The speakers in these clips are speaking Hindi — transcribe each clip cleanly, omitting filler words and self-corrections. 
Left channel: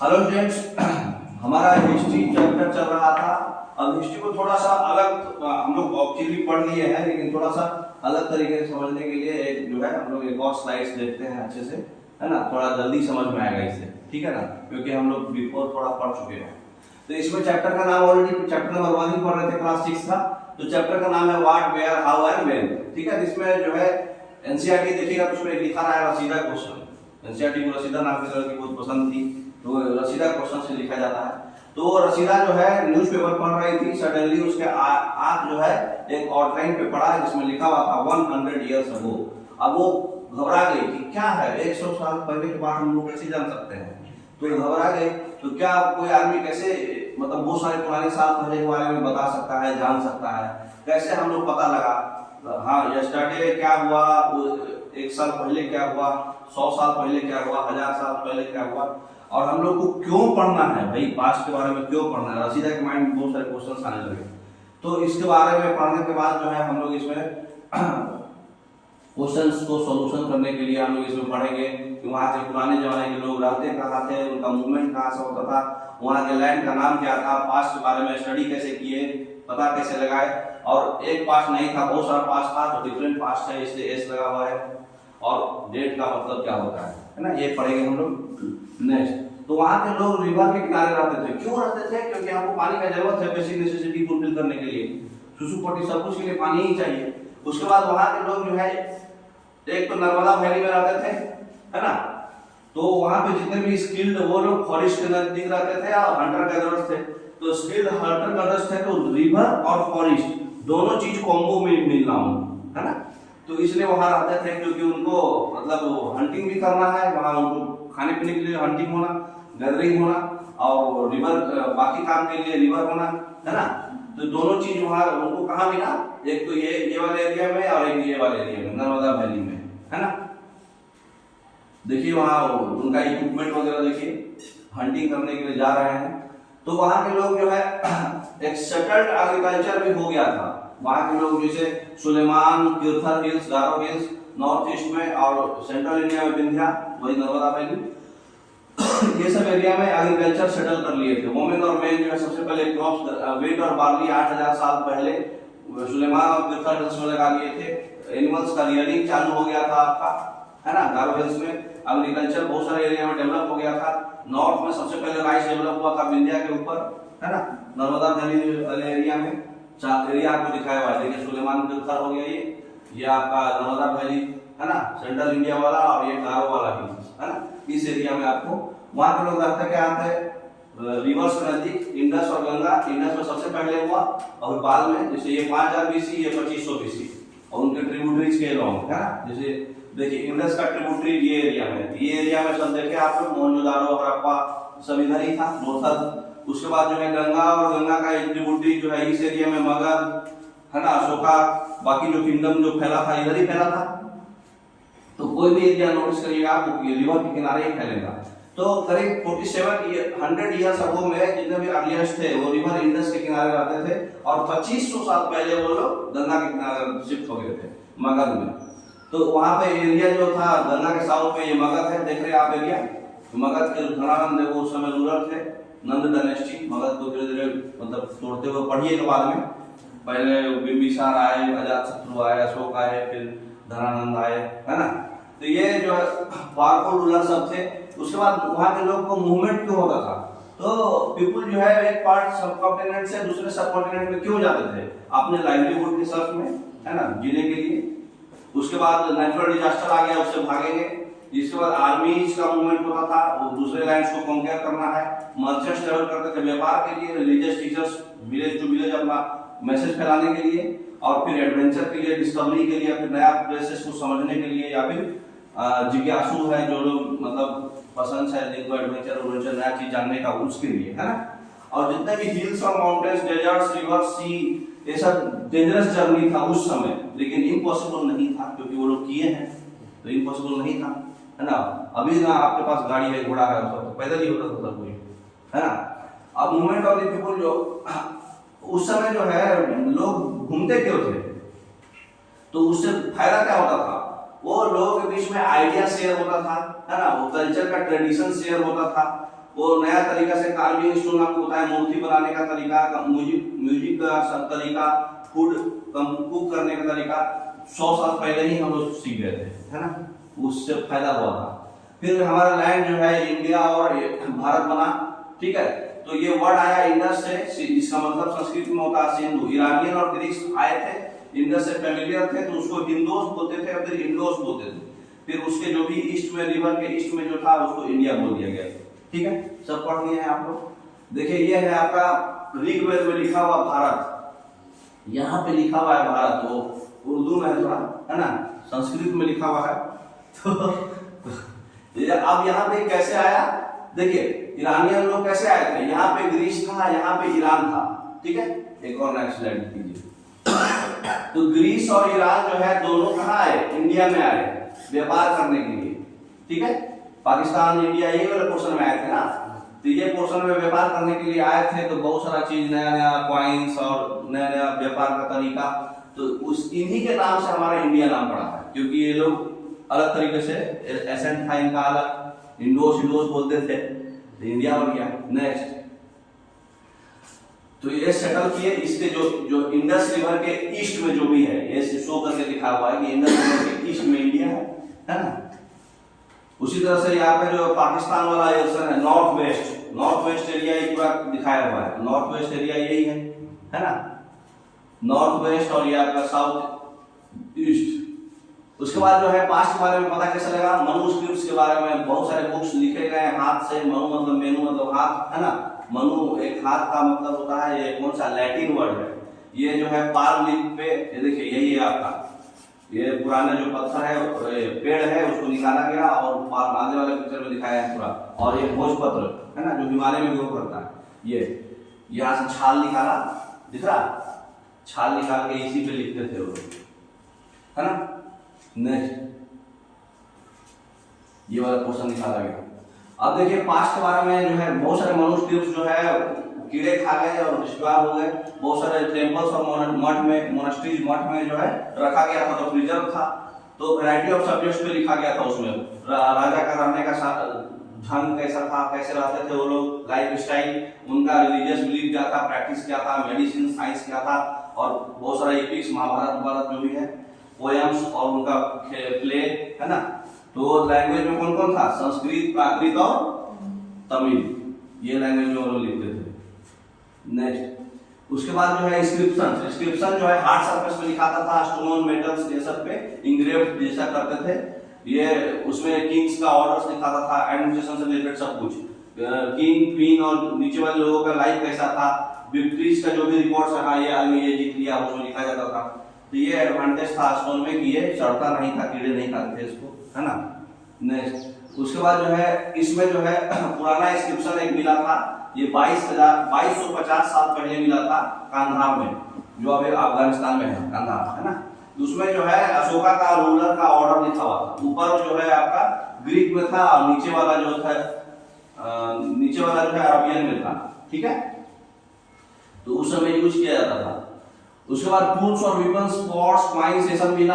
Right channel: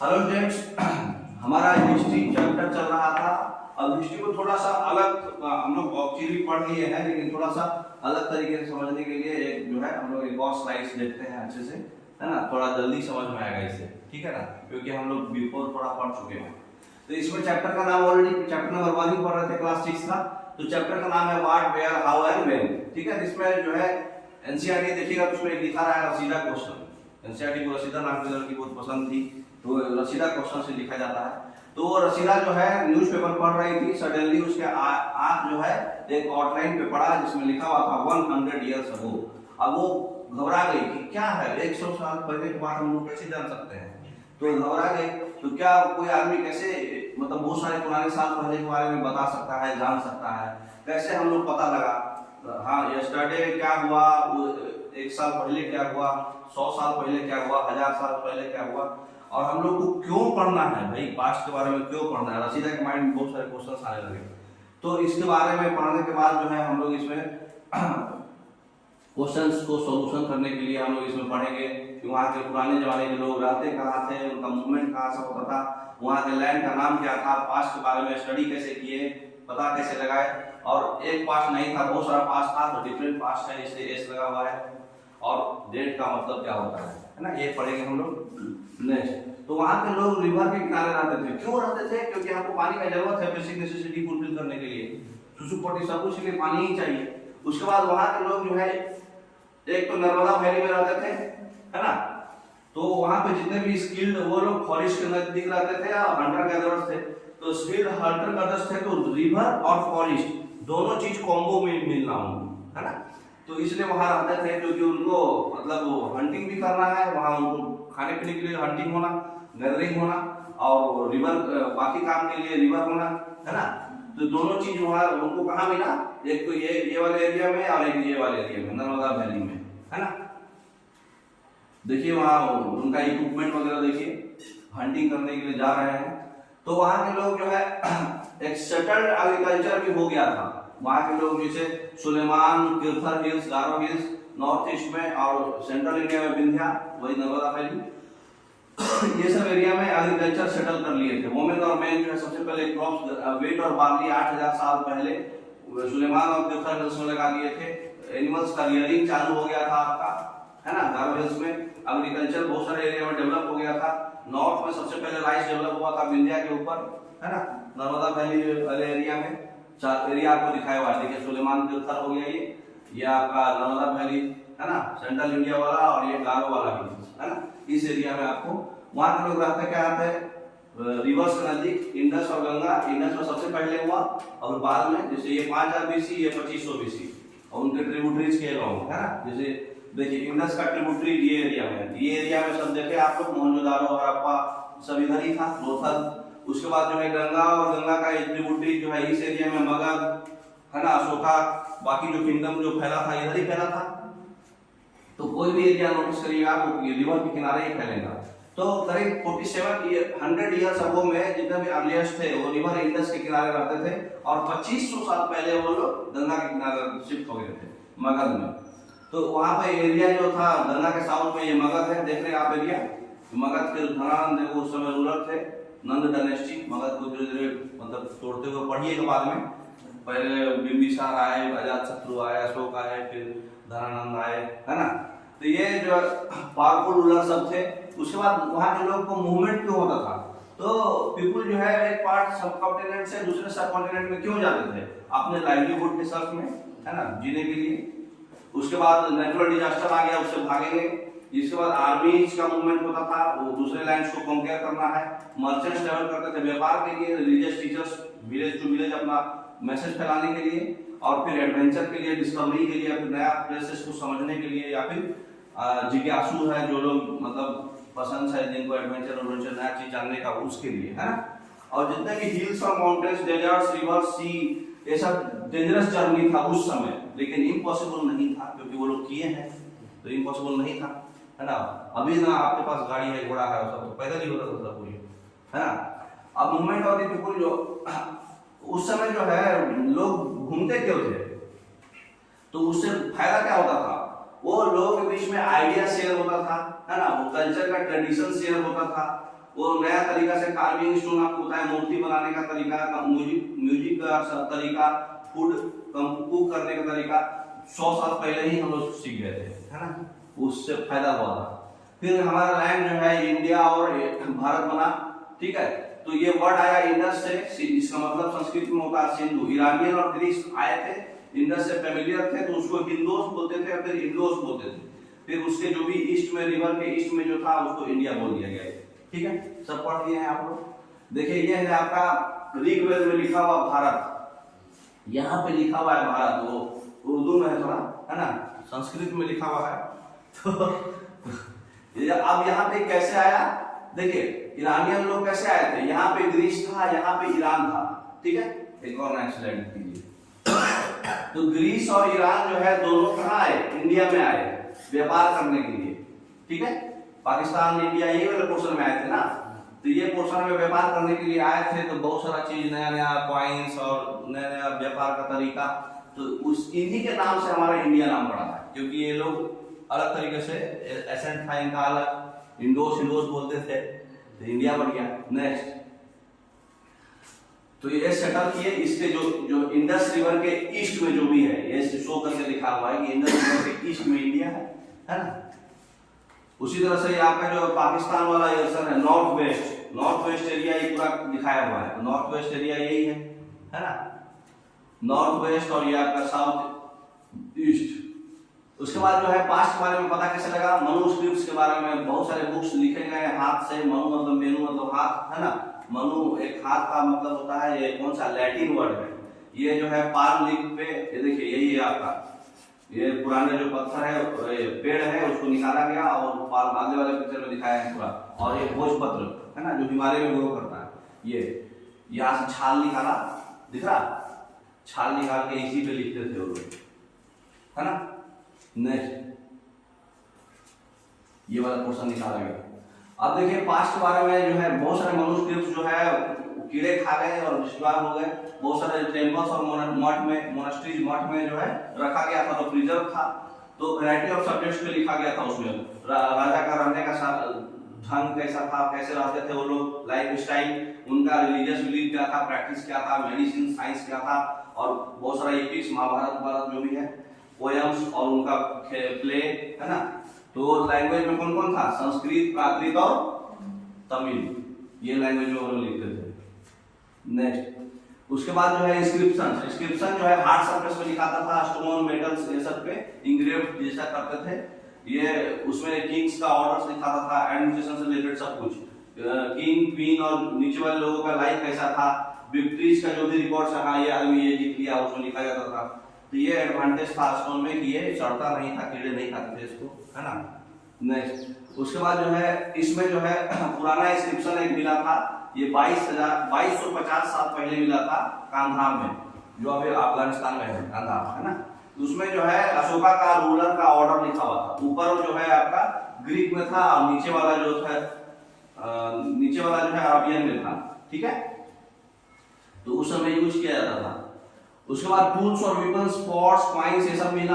हेलो स्टूडेंट्स, हमारा हिस्ट्री चैप्टर चल रहा था। अब हिस्ट्री को थोड़ा सा अलग हम लोग एक्चुअली पढ़ लिए हैं, लेकिन थोड़ा सा अलग तरीके से समझने के लिए एक जो है हम लोग एक और स्लाइड्स देखते हैं अच्छे से, है ना। थोड़ा जल्दी समझ में आएगा इससे, ठीक है ना, क्योंकि हम लोग बिफोर थोड़ा पढ़ चुके हैं। तो इसमें चैप्टर का नाम ऑलरेडी चैप्टर नंबर 1 ही पढ़ रहे थे क्लास 6 का। तो चैप्टर का नाम है what, where, how and when, ठीक है। इसमें जो है एनसीईआरटी देखिएगा तो उसमें लिखा रहा है रसीदा क्वेश्चन। एनसीईआरटी को रसीदा नाम की लड़की बहुत पसंद थी, तो रसीदा क्वेश्चन से लिखा जाता है। तो रसीदा जो है न्यूज़पेपर पढ़ रही थी, सडनली उसके आंख जो है एक आउटलाइन पे पड़ा जिसमें लिखा हुआ था 100 इयर्स अगो। अब वो घबरा गई कि क्या है, 100 साल पहले की बात हम लोग कैसे जान सकते हैं। तो घबरा गई, तो क्या कोई आदमी कैसे मतलब बहुत सारे पुराने साल पहले के बारे में बता सकता है, जान सकता है, कैसे हम लोग पता लगा। हाँ, यस्टरडे क्या हुआ, 1 साल पहले क्या हुआ, 100 साल पहले क्या हुआ, 1000 साल पहले क्या हुआ, और हम लोग को क्यों पढ़ना है भाई, पास्ट के बारे में क्यों पढ़ना है। रसीदा के माइंड में बहुत सारे क्वेश्चंस आने लगे। तो इसके बारे में पढ़ने के बाद जो है हम लोग इसमें क्वेश्चंस को सॉल्यूशन करने के लिए हम लोग इसमें पढ़ेंगे कि वहाँ के पुराने जमाने के लोग रहते कहाँ थे, उनका मूवमेंट कहाँ से होता था, वहाँ के लैंड का नाम क्या था, पास्ट के बारे में स्टडी कैसे किए, पता कैसे लगाए। और एक पास्ट नहीं था, बहुत सारा पास्ट था, तो डिफरेंट पास्ट है, इसलिए एस लगा हुआ है। और डेट का मतलब क्या होता है ना, ये पढ़ेंगे हम लोग नेक्स्ट। तो वहाँ के लोग रिवर के किनारे रहते थे। क्यों रहते थे? क्योंकि हमको पानी का जरूरत है, बेसिक नेसेसिटी फुलफिल करने के लिए, सुसु पोटी सब कुछ के लिए पानी ही चाहिए। उसके बाद वहाँ के लोग जो है एक तो नर्मदा वैली में रहते थे, है ना। तो वहाँ पे जितने भी स्किल्ड वो लोग फॉरेस्ट के नजदीक रहते थे और हंटर गैदरर्स थे। तो स्किल्ड हंटर गैदरर्स थे, तो रिवर और फॉरेस्ट दोनों चीज कॉम्बो में मिलना है ना। तो इसलिए वहां रहते थे, क्योंकि उनको मतलब हंटिंग भी करना है, वहां उनको खाने पीने के लिए हंटिंग होना, गैदरिंग होना, और रिवर बाकी काम के लिए रिवर होना, है ना। तो दोनों चीज वहां उनको कहाँ मिला, एक तो ये वाले एरिया में और एक ये वाले एरिया में, नर्मदा वैली में, है ना। देखिए वहां उनका इक्विपमेंट वगैरह देखिए, हंटिंग करने के लिए जा रहे हैं। तो वहां के लोग जो है एक सेटल्ड एग्रीकल्चर भी हो गया था। वहाँ के लोग जैसे सुलेमान, किरथर हिल्स, गारो हिल्स नॉर्थ ईस्ट में, और सेंट्रल इंडिया में विंध्या, वही नर्मदा वैली, ये सब एरिया में एग्रीकल्चर सेटल कर लिए थे। वोमेन और मेन जो है सबसे पहले क्रॉप्स वेट और बार्ली 8000 साल पहले सुलेमान और किरथर हिल्स में लगा लिए थे। एनिमल्स का रियरिंग चालू हो गया था आपका, है ना। गारो हिल्स में एग्रीकल्चर बहुत सारे एरिया में डेवलप हो गया था। नॉर्थ में सबसे पहले राइस डेवलप हुआ था विंध्या के ऊपर, है ना। नर्मदा वैली वाले एरिया में चार एरिया आपको दिखाया हुआ है, देखिए सुलेमान किरथर हो गया, ये आपका नर्मदा वैली, है ना, सेंट्रल इंडिया वाला, और ये गारो वाला हिल्स, है ना। इस एरिया में आपको वहां के लोग रहते क्या आते हैं रिवर्स के नजदीक, इंडस और गंगा। इंडस में सबसे पहले हुआ, और बाद में जैसे ये 5000 बीसी, ये 2500 बीसी, और उनके ट्रिब्यूटरीज के लॉन्ग, है ना। जैसे देखिए इंडस का ट्रिब्यूटरी ये एरिया में, ये एरिया में सब देखे आप लोग, मोहनजोदारो, हड़प्पा सब इधर ही था, लोथल। उसके बाद जो है गंगा, और गंगा का ट्रिब्यूटरी जो है इस एरिया में मगध, है ना, अशोका, बाकी जो किंगडम जो फैला था इधर ही फैला था। तो कोई भी एरिया नोटिस करिएगा आप, रिवर के किनारे ही फैलेगा। तो करीब 100 इयर्स अगो में जितने भी अर्लिएस्ट थे वो रिवर इंडस के किनारे रहते थे, और 2500 साल पहले वो लोग गंगा के किनारे शिफ्ट हो गए थे मगध में। तो वहां पे एरिया जो था गंगा के साउथ में, ये मगध है, देख रहे हैं आप एरिया। मगध के घरान देखो उस समय रूलर थे, नंद डायनेस्टी। मगध को धीरे धीरे मतलब तोड़ते हुए पढ़िए के बाद में, पहले बिंबिसार आए, अजातशत्रु आए, अशोक आए, फिर धनानंद आए, है ना। तो ये जो पावरफुल रूलर सब थे। उसके बाद वहाँ के लोग को मूवमेंट क्यों होता था, तो पीपुल जो है एक पार्ट सब कॉन्टिनेंट से दूसरे सब कॉन्टिनेंट में क्यों जाते थे, अपने लाइवलीहुड के सर्च में, है ना, जीने के लिए। उसके बाद नेचुरल डिजास्टर आ गया, उससे भागेंगे। जिसके बाद आर्मीज का मूवमेंट होता था, वो दूसरे लैंड्स को कॉन्कर करना है। मर्चेंट्स ट्रेवल करते थे व्यापार के लिए, religious teachers village to village अपना मैसेज फैलाने के लिए, और फिर एडवेंचर के लिए, डिस्कवरी के लिए, फिर नया प्लेसेस को समझने के लिए, या फिर जिज्ञासु है जो लोग मतलब पसंद है जिनको एडवेंचर नया चीज जानने का, उसके लिए, है ना। और जितने भी हिल्स और माउंटेन्स, डेजर्ट्स, रिवर, सी, ये सब डेंजरस जर्नी था उस समय, लेकिन इम्पॉसिबल नहीं था, क्योंकि वो लोग किए हैं, तो इम्पॉसिबल नहीं था, है ना। अभी ना आपके पास गाड़ी है, घोड़ा है, सब तो पैदल ही होता था सब कुछ, है ना। अब मूवमेंट ऑफ द पीपल जो उस समय जो है लोग घूमते क्यों थे, तो उससे फायदा क्या होता था, वो लोगों के बीच में आइडिया शेयर होता था, है ना, वो कल्चर का ट्रेडिशन शेयर होता था, वो नया तरीका से कार्विंग स्टोन आपको बताया, मूर्ति बनाने का तरीका, म्यूजिक का तरीका, फूड कुक करने का तरीका 100 साल पहले ही हम लोग सीख गए थे, है ना, उससे फायदा हुआ था। फिर हमारा लैंड जो है इंडिया और भारत बना, ठीक है। तो ये वर्ड आया इंडस से, इसका मतलब संस्कृत में होता है सिंधु। ईरानियन और ग्रीस आए थे, इंडस से फेमिलियर थे तो उसको हिंदोस बोलते थे, फिर इंडोस बोलते थे। फिर उसके जो भी ईस्ट में, रिवर के ईस्ट में जो था उसको इंडिया बोल दिया गया, ठीक है। सब पढ़ लिए हैं आप लोग। देखिए ये है आपका ऋग्वेद में लिखा हुआ भारत, यहाँ पे लिखा हुआ है भारत, वो उर्दू में है थोड़ा, है ना, संस्कृत में लिखा हुआ है। तो अब यहाँ पे कैसे आया, देखिए ईरानियन लोग कैसे आए थे, यहाँ पे ग्रीस था, यहाँ पे ईरान था, ठीक है। एक और नेक्स्ट स्लाइड कीजिए। तो ग्रीस और ईरान जो है दोनों कहाँ आए, इंडिया में आए व्यापार करने के लिए, ठीक है। पाकिस्तान इंडिया ये वाले पोर्शन में आए थे ना, तो ये पोर्शन में व्यापार करने के लिए आए थे। तो बहुत सारा चीज, नया नया कॉइन्स और नया नया व्यापार का तरीका, तो उस इन्हीं के नाम से हमारा इंडिया नाम पड़ा है, क्योंकि ये लोग अलग तरीके से एसेंट था इनका अलग, इंडोस बोलते थे, तो इंडिया बन गया। नेक्स्ट, तो ये सेटल किए, इसके जो इंडस रिवर के ईस्ट में जो भी है, ये शो करके लिखा हुआ है कि इंडस रिवर के ईस्ट में इंडिया है ना। उसी तरह से यहाँ पे जो पाकिस्तान वाला एरिया है, नॉर्थ वेस्ट एरिया ये पूरा दिखाया हुआ है, नॉर्थ वेस्ट एरिया यही है ना, नॉर्थ वेस्ट, और ये आपका साउथ ईस्ट। उसके बाद जो है पास्ट के बारे में पता कैसे लगा, मनुस्क्रिप्ट्स के बारे में बहुत सारे बुक्स लिखे गए हैं हाथ से। मनु मतलब मेनू मतलब हाथ, है ना, मनु एक हाथ का मतलब होता है। ये कौन सा लैटिन वर्ड है, ये जो है पाल्म लीफ पे, ये देखिए यही है आपका, ये पुराने जो पत्थर है, पेड़ है, उसको निकाला गया और पाल्म आगे वाले पिक्चर में दिखाया है पूरा। और ये भोजपत्र है ना, जो हिमालय में ग्रो करता है, ये यहाँ से छाल निकाला, दिख रहा, छाल निकाल के इसी पे लिखते थे वो लोग, है ना। नेक्स्ट, ये वाला क्वेश्चन निकाला गया। अब देखिए पास्ट के बारे में जो है बहुत सारे मनुस्क्रिप्ट्स जो है कीड़े खा गए और डिस्ट्रॉय हो गए। बहुत सारे टेम्पल्स और मठ में, मोनास्ट्रीज मठ में जो है रखा गया था, तो प्रिजर्व था। तो वैरायटी ऑफ सब्जेक्ट्स पे लिखा गया था उसमें, राजा का रहने का ढंग कैसा था, कैसे रहते थे वो लोग, लाइफ स्टाइल, उनका रिलीजियस बिलीफ क्या था, प्रैक्टिस क्या था, मेडिसिन साइंस क्या था, और बहुत सारा एपिक्स, महाभारत जो भी है, पोएम्स और उनका प्ले, है ना। तो लैंग्वेज में कौन कौन था, संस्कृत, प्राकृत और तमिल, ये लैंग्वेज में वो लोग लिखते थे। नेक्स्ट, उसके बाद जो है इंस्क्रिप्शन जो है हार्ड सरफेस पे लिखाता था, स्टोन, मेटल्स ये सब पे इंग्रेव जैसा करते थे। ये उसमें किंग्स का ऑर्डर्स दिखाता था, एडमिनिस्ट्रेशन से रिलेटेड सब कुछ, किंग, क्वीन और नीचे वाले लोगों का लाइफ कैसा था, विक्ट्रीज का जो भी रिकॉर्ड्स रहा, ये आदमी ये जीत लिया, उसमें लिखा जाता था। तो ये एडवांटेज था स्टोन में कि ये सड़ता नहीं था, कीड़े नहीं खाते थे इसको, है ना। नेक्स्ट, उसके बाद जो है इसमें जो है पुराना इंस्क्रिप्शन एक मिला था, ये 2250 साल पहले मिला था कांधार में, जो अभी अफगानिस्तान में है, कांधार, है ना। उसमें जो है अशोका का रूलर का ऑर्डर लिखा हुआ था। ऊपर जो है आपका ग्रीक में था और नीचे वाला जो है अरबियन में था, ठीक है। तो उस समय यूज किया जाता था। उसके बाद टूल्स और वेपन्स, पॉट्स, कॉइन्स ये सब मिला।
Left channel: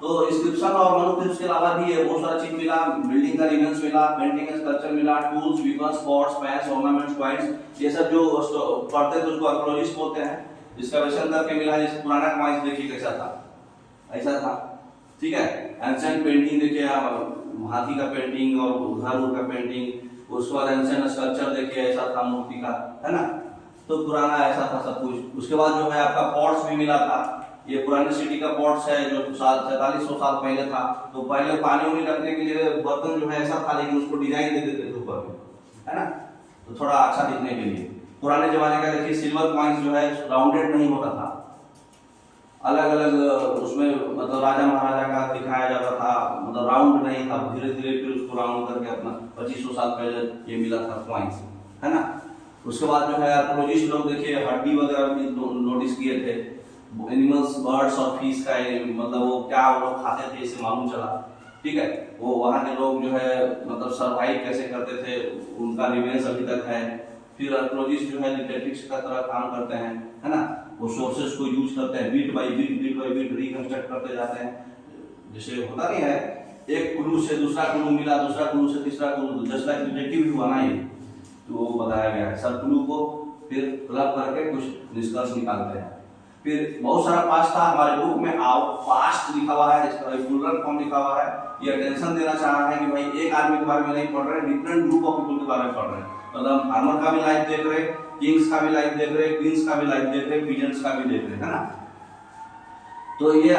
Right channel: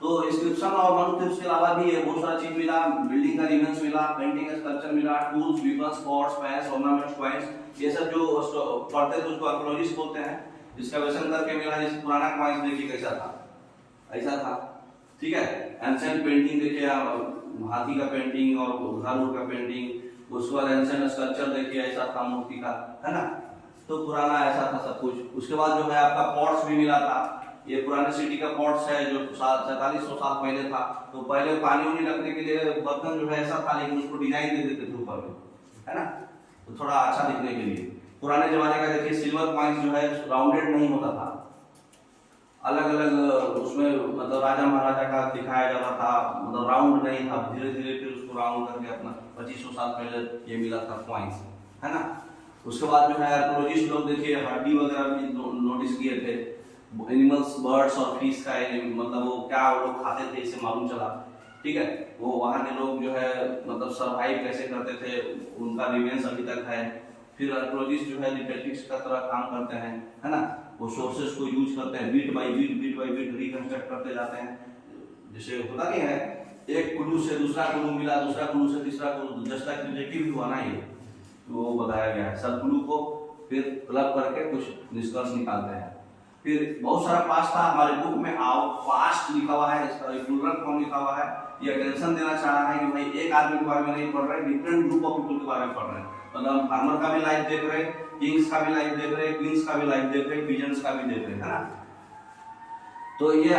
तो इंस्क्रिप्शन और मनुस्क्रिप्ट्स के अलावा भी ये बहुत सारा चीज मिला, बिल्डिंग का रिमेन्स मिला, पेंटिंग का स्कल्पचर मिला, tools, weapons, pots, pans, ornaments, coins, ये सब जो पढ़ते थे उसको आर्कियोलॉजिस्ट बोलते हैं। एक्सकवेशन करके मिला। जैसे पुराना कॉइन्स देखिए कैसा था, ऐसा था, ठीक है। एंशिएंट पेंटिंग देखिए, हाथी का पेंटिंग और घर का पेंटिंग। उसके बाद एंशिएंट स्कल्पचर देखिए, ऐसा था मूर्ति का, है ना। तो पुराना ऐसा था सब कुछ। उसके बाद जो है आपका पॉट्स भी मिला था। ये पुराने सिटी का पॉट्स है जो 4700 साल पहले था। तो पहले पानी उनी रखने के लिए बर्तन जो है ऐसा था, लेकिन उसको डिजाइन दे देते थे ऊपर में, है ना, तो थोड़ा अच्छा दिखने के लिए। पुराने जमाने का देखिए सिल्वर कॉइन्स जो है राउंडेड नहीं होता था, अलग अलग उसमें मतलब राजा महाराजा का दिखाया जाता था, मतलब राउंड नहीं था। धीरे धीरे फिर उसको राउंड करके अपना 2500 साल पहले ये मिला था कॉइन्स, है ना। उसके बाद जो है आर्कियोलॉजिस्ट लोग देखिए हड्डी वगैरह भी नोटिस किए थे, एनिमल्स, बर्ड्स और फिश का मतलब वो क्या वो लोग खाते थे, इसे मालूम चला, ठीक है। वो वहाँ के लोग जो है मतलब सरवाइव कैसे करते थे, उनका रिमेन्स अभी तक है। फिर आर्कियोलॉजिस्ट जो है डिटेक्टिव्स का तरह काम करते हैं, है ना। वो सोर्सेस को यूज करते हैं, बीट बाय बीट रिकंस्ट्रक्ट करते जाते हैं। जैसे होता नहीं है, एक क्लू से दूसरा क्लू मिला, दूसरा क्लू से तीसरा क्लू, जस्ट लाइक डिटेक्टिव हुआ ना ये, तो वो बताया गया है। सब क्लू को फिर क्लब करके कुछ निष्कर्ष निकालते हैं। फिर बहुत सारा पास्ट था हमारे बुक में, आओ पास्ट लिखा हुआ है, इसका प्लूरल फॉर्म लिखा हुआ है। ये अटेंशन देना चाह रहा है कि भाई एक आदमी के बारे में नहीं पढ़ रहे, डिफरेंट ग्रुप ऑफ पीपल के बारे में पढ़ रहे हैं। मतलब फार्मर का भी लाइफ देख रहे, किंग्स का भी लाइफ देख रहे, क्वींस का भी लाइफ देख रहे, पीजेंट्स का भी देख रहे, है ना। तो ये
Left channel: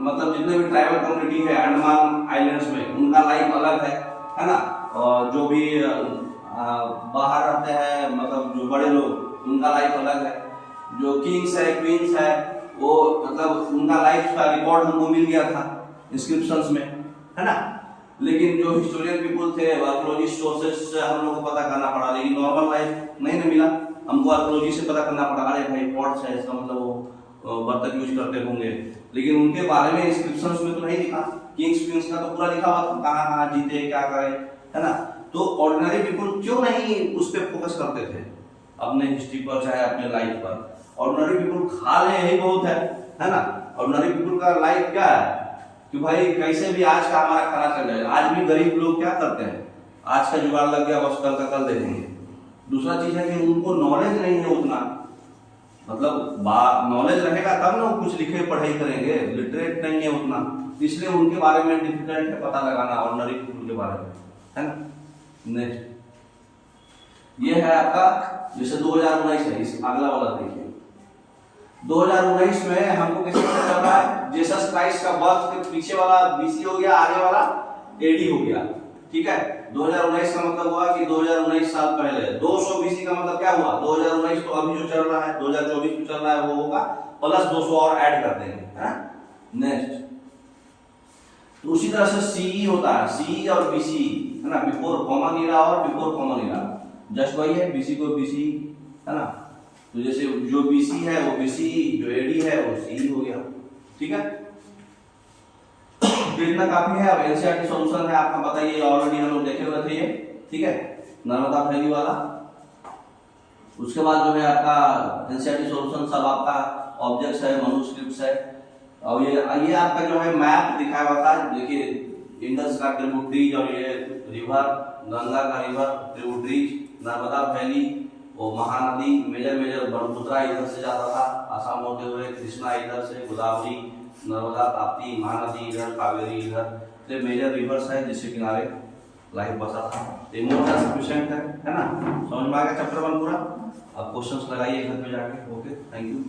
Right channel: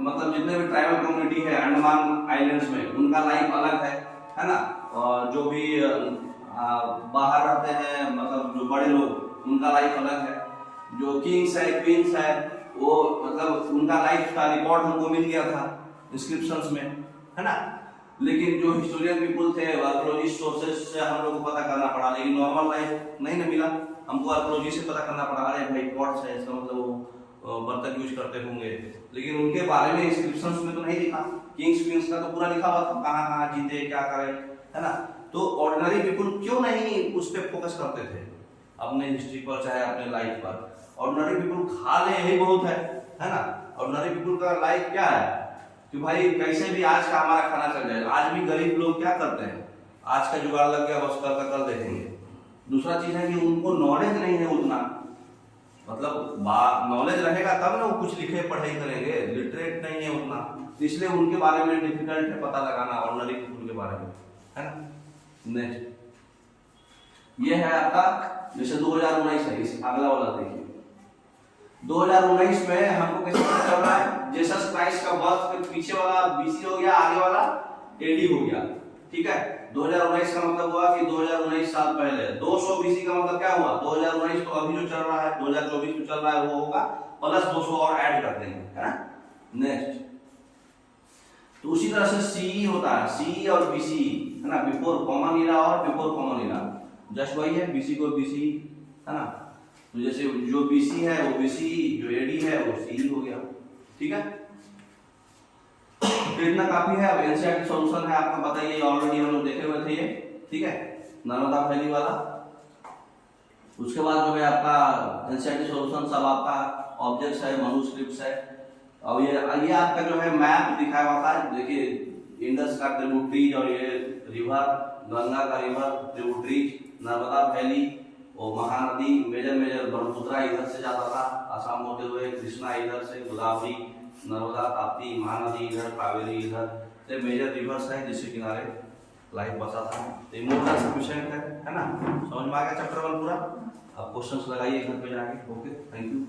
मतलब जितने भी ट्राइबल कम्युनिटी है अंडमान आइलैंड्स में, उनका लाइफ अलग है ना। और जो भी बाहर रहते हैं, मतलब जो बड़े लोग, उनका लाइफ अलग है। जो किंग्स है, क्वींस है, वो मतलब उनका लाइफ का रिकॉर्ड हमको मिल गया था इंस्क्रिप्शंस में, है ना। लेकिन जो हिस्टोरियन पीपल थे, आर्कियोलॉजिस्ट सोर्सेस से हम लोग को पता करना पड़ा, लेकिन नॉर्मल लाइफ नहीं ना मिला हमको, आर्कियोलॉजी से पता करना पड़ा। अरे भाई पॉट्स है, इसका मतलब वो बर्तन यूज करते होंगे, लेकिन उनके बारे में इंस्क्रिप्शंस में तो नहीं लिखा। किंग्स क्वींस का तो पूरा लिखा हुआ था, कहाँ कहाँ जीते, क्या करे, है ना। तो ऑर्डिनरी पीपल क्यों नहीं उस पर फोकस करते थे अपने हिस्ट्री पर, चाहे अपने लाइफ पर। ऑर्डिनरी पीपल खा ले यही बहुत है ना। ऑर्डिनरी पीपल का लाइफ क्या है कि भाई कैसे भी आज का हमारा खाना चल जाएगा। आज भी गरीब लोग क्या करते हैं, आज का जुगाड़ लग गया, बस कल का कल देखेंगे। दूसरा चीज है कि उनको नॉलेज नहीं है उतना, मतलब नॉलेज रहेगा तब ना वो कुछ लिखे पढ़ाई करेंगे, लिटरेट नहीं है उतना, इसलिए उनके बारे में डिफिकल्ट है पता लगाना ऑर्डिनरी पीपल के बारे में, है ना। नेक्स्ट ये है आपका, जैसे 2019 है, इस अगला वाला देखिए। 2019 में हमको कैसे पता चल रहा है, जीसस क्राइस्ट का बर्थ के पीछे वाला बीसी हो गया, आगे वाला एडी हो गया, ठीक है। 2019 का मतलब हुआ कि 2019 साल पहले। 200 बीसी का मतलब क्या हुआ, 2019 तो अभी जो चल रहा है, 2024 जो चल रहा है वो होगा, प्लस 200 और ऐड कर देंगे, है ना। नेक्स्ट तो उसी तरह से सीई होता है, सीई और बीसी, है ना, बिफोर कॉमन ईरा और बिफोर कॉमन ईरा, जस्ट वही है, बीसी को बीसी, है ना। तो जैसे जो बीसी है वो बीसी, जो एडी है वो सी हो गया, ठीक है। तो इतना काफी है। अब एनसीईआरटी सॉल्यूशन है आपका, बताइए ऑलरेडी हम लोग देखे हुए थे ये, ठीक है, नर्मदा वैली वाला। उसके बाद जो है आपका एनसीईआरटी सॉल्यूशन सब आपका ऑब्जेक्ट्स है, मनुस्क्रिप्ट्स है। और ये आपका जो है मैप दिखाया हुआ था, देखिए इंडस का ट्रिब्यूटरीज और ये रिवर, गंगा का रिवर ट्रिब्यूटरीज, नर्मदा वैली, वो महानदी, मेजर ब्रह्मपुत्रा इधर से जाता था आसाम होते हुए, कृष्णा इधर से, गोदावरी, नर्मदा, ताप्ती, महानदी इधर, कावेरी इधर, ये मेजर रिवर्स है जिसके किनारे लाइफ बसा था। ये मोटा सफिशिएंट है ना। समझ में आ गया चैप्टर 1 पूरा। अब क्वेश्चंस लगाइए घर पे जाके। Okay, thank you.